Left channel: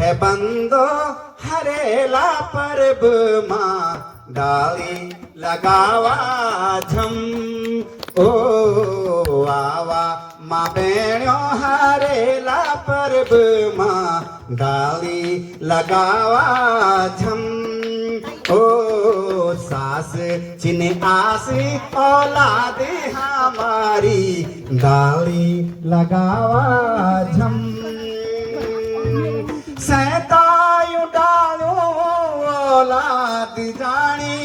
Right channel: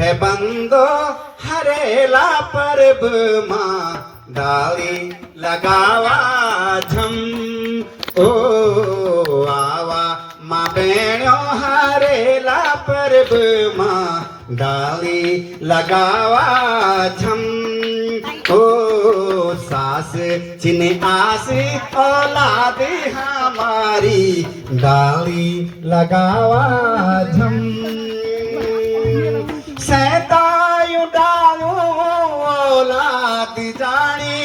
बंदो हरेला परब मां डाली लगावा झम ओ आवा मां बेणो हरेला परब मां डाली लगावा झम ओ सास चिने आस औलाद हमारी डाली लगावा झम सैतायु डालू औलाद जानी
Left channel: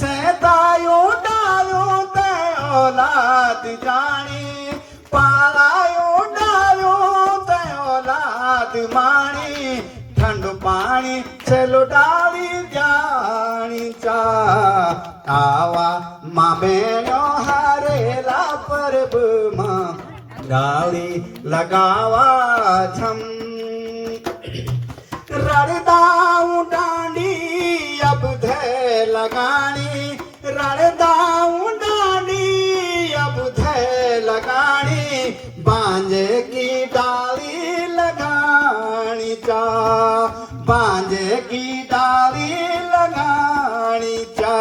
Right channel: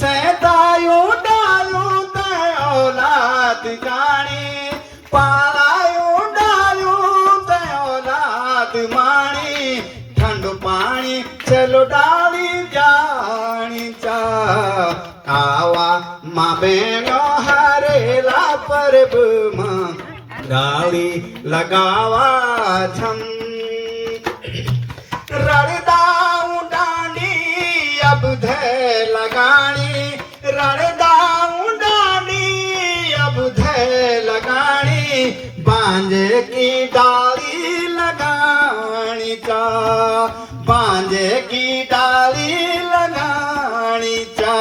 सैतायु डालू ते औलाद जानी पालायु डालू ते औलाद माणी ठंड पानी चलो डाली जानी चा आवा मां बेणो हरेला परब मां डाली लगावा झम रणदाऊ डांडी अब धे लगानी रणदाऊ डांडी अब धे लगानी बांजे की डाली लगानी चा बांजे की डाली लगानी चा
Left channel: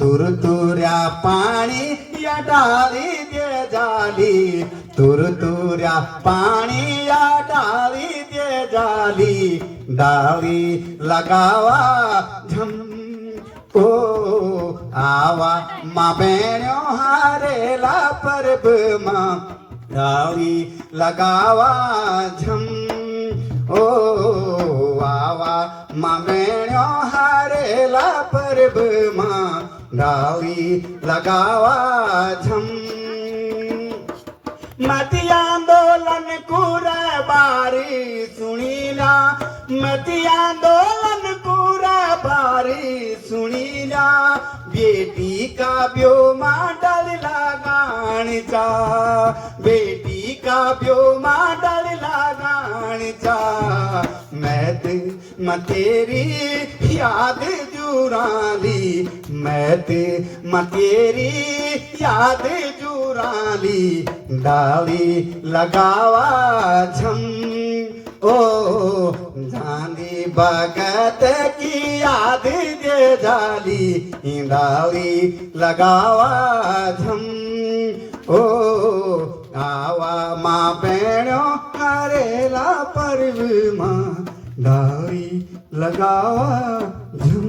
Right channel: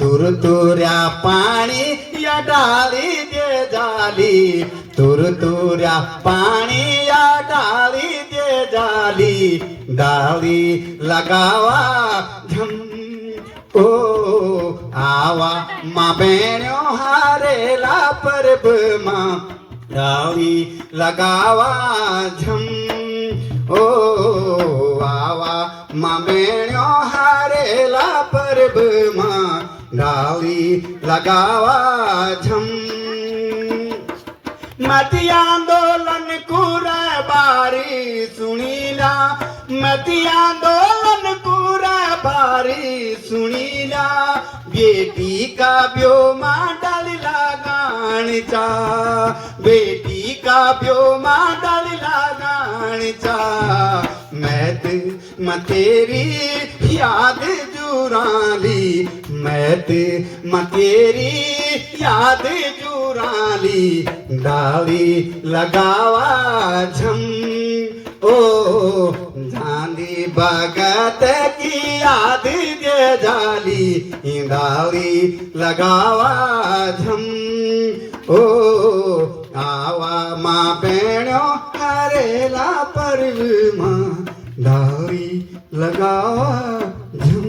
तुर तुर्या पानी या डाली दे जाली तुर तुर्या पानी या डाली दे जाली डाली लगावा झम ओ आवा मां बेणो हरेला परब मां डाली लगावा झम ओ आवा मां बेणो हरेला परब मां डाली लगावा झम मती आंदोलन कुरा बारी सुनीला मती आंदोलन कुरा बारी सुनीला बेटी का ब्यो मां डाल लगान चा बेटी का ब्यो मां डाल लगान चा मैं तेरी याद जुराली मैं तेरी याद जुराली डाली लगावा झम ओ झांदी भगत की याद दे जाली डाली लगावा झम ओ आवा मां बेणो हरेला परब मां डाली लगावा झम।